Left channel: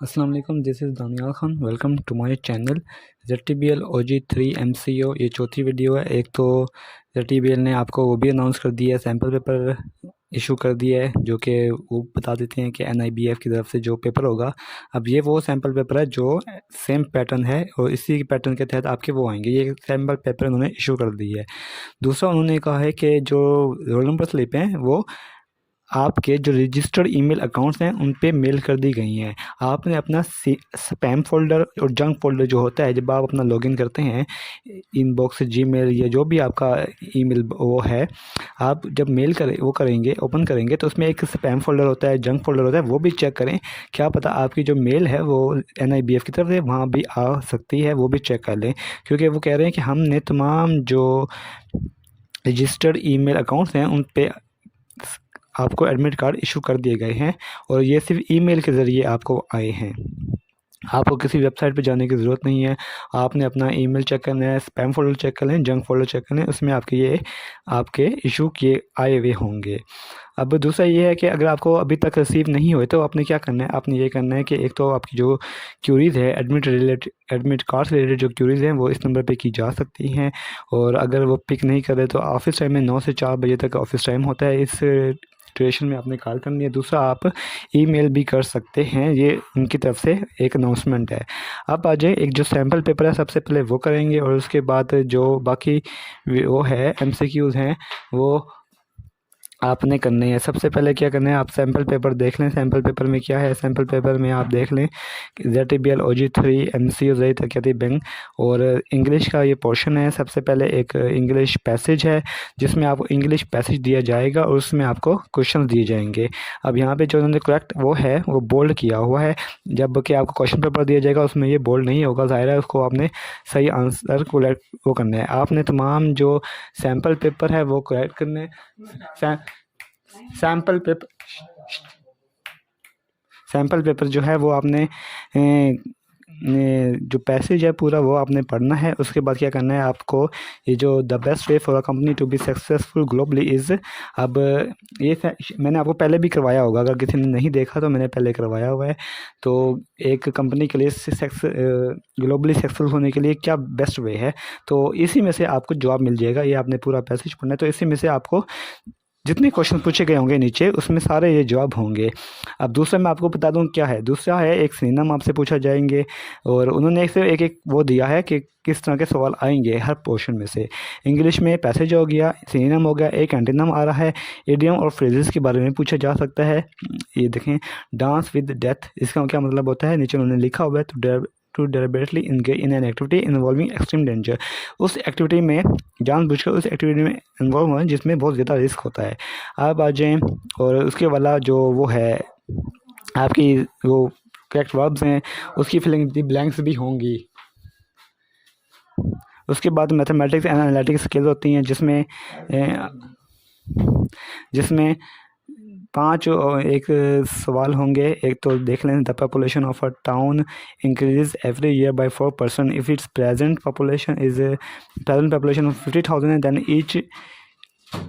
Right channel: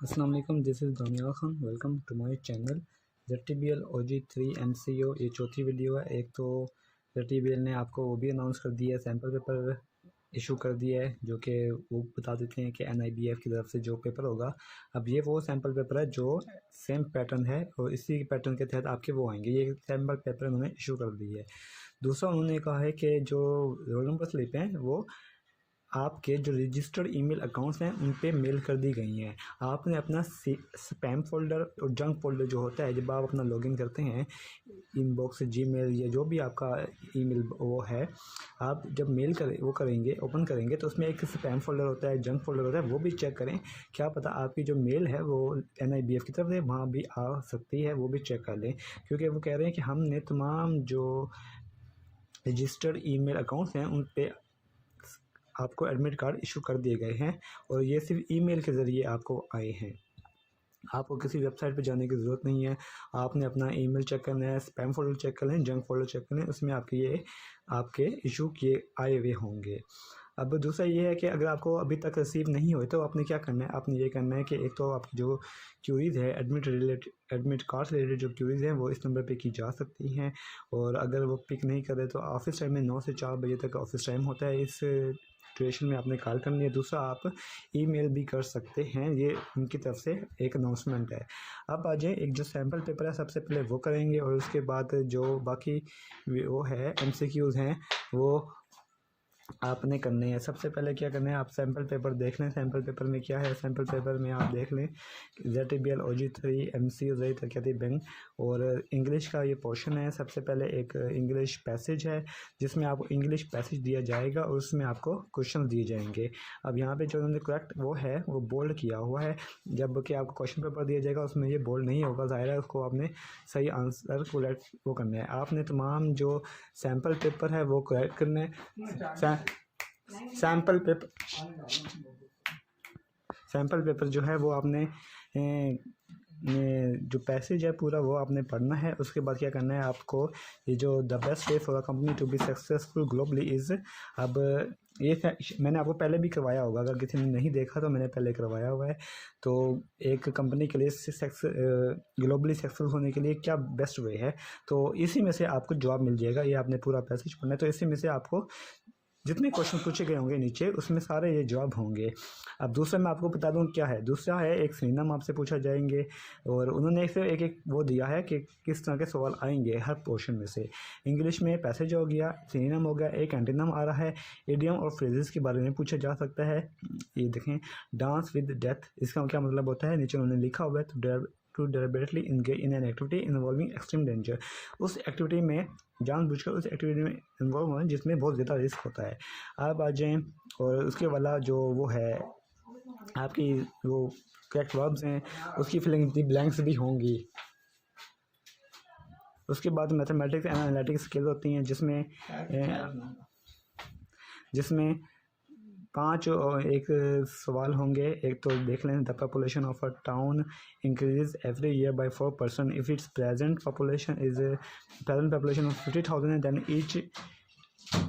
अस्सलाम वालेकुम, this is Daniyal Khan. Welcome to my channel. ZTBL OG3 MCO ये चौथी वीडियो है। एक तो ZTBL ने आपको वो भी अनाउंस कर दिया है, सैम्पल पेपर इशू कर दिया है, जो कि वो बता देते हैं कि NIBF की तरफ से जो पेपर होगा। अब ये वो सैम्पल पेपर है जो सेम पैटर्न है और इसी पैटर्न के तहत आपके वो आएंगे। ये सैम्पल पेपर उन्होंने इशू कर दिया है। दूसरा उन्होंने कहा है कि जो रोल नंबर स्लिप हैं वो आपके जो रजिस्टर्ड ईमेल अकाउंट्स हैं उन पे मेल कर दी गई हैं। आपने अपना स्पैम फ़ोल्डर और जंक फ़ोल्डर जो होता है, जब आप अपना लॉगिन करते हैं इनबॉक्स, जीमेल या जो भी आपका ईमेल वो है, आप जब मेल करेंगे, ओपन करेंगे तो उसमें एक स्पैम फ़ोल्डर होता है, जंक फ़ोल्डर होता है, वो भी चेक करें। क्या पता आपकी जो मेल है वो NIBF की तरफ से वहाँ भी आ सकती है, वो भी चेक कर लें। क्योंकि वो कह रहे हैं कि हमने तमाम जो रजिस्टर्ड ईमेल अकाउंट्स हैं उन पे आपको एडमिट कार्ड इशू कर दिए गए हैं और ये सिर्फ ईमेल के ज़रिए आपको आए हैं। आपको किसी वेबसाइट पे जाने की ज़रूरत नहीं है। आपने अपना ईमेल चेक करना है, स्पैम फ़ोल्डर चेक कर लें, जंक फ़ोल्डर चेक कर लें, उसमें आपके इशू किए आए हुए होंगे। अब दूसरा ये है कि अगर आपको अभी तक रिसीव नहीं हुए तो आपने क्या करना है, आपने ये करना है कि एक तो आपकी जो क्यूरीज़ है एडमिट कार्ड से रिलेटेड जो क्यूरीज़ हैं वो इस नंबर पे की जा सकती हैं। और अगर वो पिक नहीं कर रहे तो ऑफ़िस टाइम में 9 से 4 बजे तक ऑफ़िस टाइम होता है। इस ड्यूरेशन में आपने कॉल करनी है। दूसरा आप ईमेल भी कर सकते हैं, ये उनकी तरफ से एक अनाउंसमेंट है। अब आ जाए, एक जो सैम्पल पेपर है सबसे पहले वो करेंगे और उसके बाद जो बाकी वो है MCQs हैं वो आपने करने हैं। सबसे पहले क्या करना है, आप सैम्पल पेपर देख लें। सैम्पल पेपर में क्या है, सैम्पल पेपर में आप देख लें कि ZTBL OG3 MCO ज़रिए तरक्याती बैंक और इंग्लिश का ये पोर्शन है। सबसे पहले एक इंग्लिश पैसेज है जिसमें आपको इंग्लिश पैसेज दिया जाएगा और उसमें आपको क्वेश्चन दिए जाएंगे। अब यहाँ पे जो उन्होंने करेक्ट वो है वो बोल्ड किया हुआ है, जबकि आपको क्वेश्चन पेपर दिया जाएगा उसमें ये बोल्ड नहीं होगा। ज़ाहिर है उसको आपने सही आंसर को वो करना है। आपने तमाम जो सैम्पल पेपर है वो करेक्ट करने सैम्पल पेपर सैम्पल पेपर जो है वो आपने जो पैसेज है पूरा वो आपने पढ़ना है। उसके बाद क्या करना है आपको, ये जो the best way for a company to be successful globally is, अब मैंने आपको पहले भी करवाया होगा, अगर किसी ने नहीं देखा तो मैंने पहले करवाया हुआ है। तो एक कंपनी के लिए ग्लोबली सक्सेसफुल होने के लिए क्या बेस्ट वे है, तो इसी में से आपको जवाब मिल जाएगा। ये आपने पूरा पैसेज पढ़ना है, तो इसी में से आपको जितने क्वेश्चन पूछे गए होंगे नीचे उसमें सारे ये जवाब होंगे। अब दूसरा मैं आपको बता दूं क्या है, दूसरा है एक सिनोनिम आपसे पूछा जाएंगे और उन्होंने एक से एक वो दिया है कि किस तरह के सवाल आएंगे हर पोर्शन में से। इंग्लिश में पैसेज हो गया, सिनोनिम हो गया, एक एंटोनिम आ रहा है, इडियम और फ्रेजेस के बारे में पूछा जा सकता है। ये देखें, डांस विद डेथ, इसका क्या मतलब होता है, नीचे उन्होंने लिखा हुआ है to deliberately engage in an activity involving extreme danger, उस एक्टिविटी में जानबूझकर उस एक्टिविटी में इन्वॉल्व हुआ जिसमें बहुत ज़्यादा रिस्क होता है। आप आ जाएँ और उसके वाला जो वो है आपकी वो करेक्ट वर्ब्स हैं उसकी फिलिंग दी ब्लैंक्स भी होंगी। उसके बाद मैथमेटिक्स एंड एनालिटिक्स स्किल्स होती हैं जिसमें 5 एक सवाल होंगे। एक तो देख लें, the population of a town increases every year by 4% if its present population of 50,000 and then each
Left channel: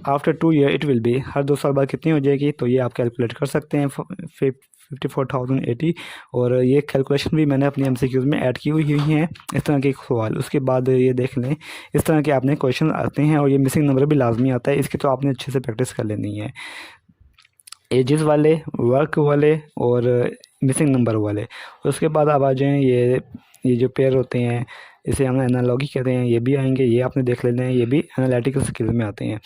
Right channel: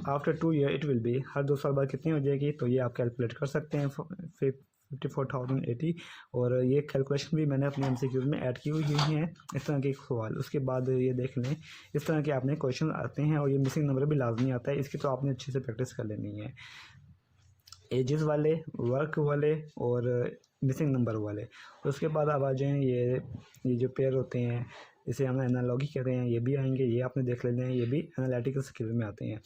after 2 year it will be, हर 2 साल बाद कितनी हो जाएगी, तो ये आप कैलकुलेट कर सकते हैं 54,080। और ये कैलकुलेशन भी मैंने अपनी MCQs में ऐड की हुई हैं, इस तरह के सवाल। उसके बाद ये देख लें, इस तरह के आपने क्वेश्चन आते हैं और ये मिसिंग नंबर भी लाजमी आता है, इसकी तो आपने अच्छे से प्रैक्टिस कर लेनी है। एजेस वाले, वर्क वाले और मिसिंग नंबर वाले। उसके बाद आप आ जाएँ, ये जो पेयर होते हैं इसे हम एनालॉगी कहते हैं, ये भी आएंगे, ये आपने देख लेना है, ये भी एनालिटिकल स्किल्स में आते हैं।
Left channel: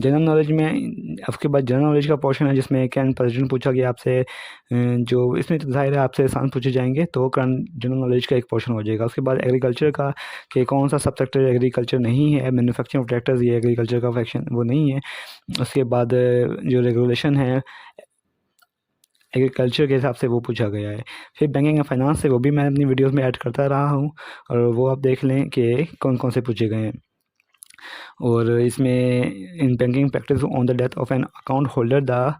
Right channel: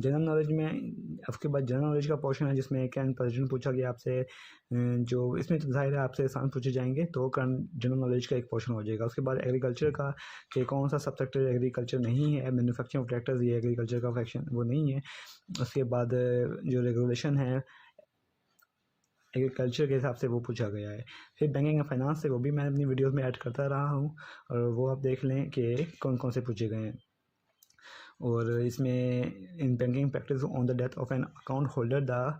जनरल नॉलेज में उसके बाद जनरल नॉलेज का पोर्शन है जिसमें कैन प्रेजेंट पूछा गया आपसे, जो इसमें तो जाहिर है आपसे आसान पूछे जाएंगे, तो करंट जनरल नॉलेज का एक पोर्शन हो जाएगा। उसके बाद एग्रीकल्चर का कि कौन सा सब सेक्टर एग्रीकल्चर नहीं है, मैन्युफैक्चरिंग ऑफ ट्रैक्टर्स ये एग्रीकल्चर का फैक्शन वो नहीं है। उसके बाद जो रेगुलेशन है एग्रीकल्चर के हिसाब से वो पूछा गया है। फिर बैंकिंग एंड फाइनेंस से वो भी मैं अपनी वीडियोस में ऐड करता रहा हूँ और वो आप देख लें कि कौन कौन से पूछे गए हैं। और इसमें in banking practice on the death of an account holder the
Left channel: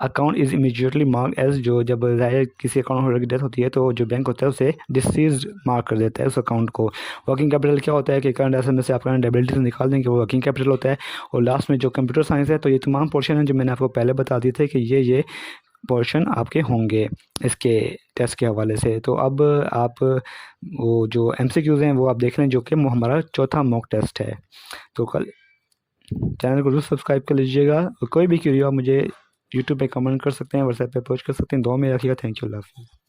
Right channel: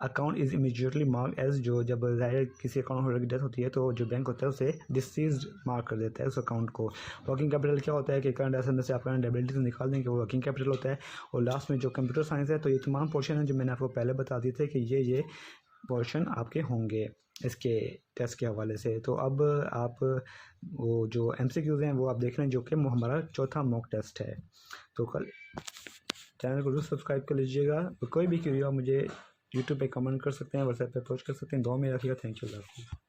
account is immediately mark as, जो जब ज़ाहिर किसी अकाउंट होल्डर की डेथ होती है तो जो बैंक होता है उसे डिसीज मार्क कर देता है उस अकाउंट को। वर्किंग कैपिटल क्या होता है कि करंट एसेट में से आप करंट लायबिलिटी से निकाल देंगे, वो वर्किंग कैपिटल होता है। और लास्ट में जो कंप्यूटर साइंस है, तो ये तमाम पोर्शन है जो मैंने आपको पहले बता दिए थे कि ये पोर्शन आपके होंगे इसके टेस्ट के हवाले से। तो अब आप वो जो MCQs हैं वो आप देख रहे हैं, जो कि हमारा चौथा मॉक टेस्ट है। तो कल चैनल को जरूर सब्सक्राइब कर लीजिएगा, और कोई भी क्वेरी हो आप मुझे यूट्यूब पे कमेंट कर सकते हैं, व्हाट्सएप पे पोस्ट कर सकते हैं। दुआ में रखिएगा। थैंक यू, अल्लाह हाफ़िज़।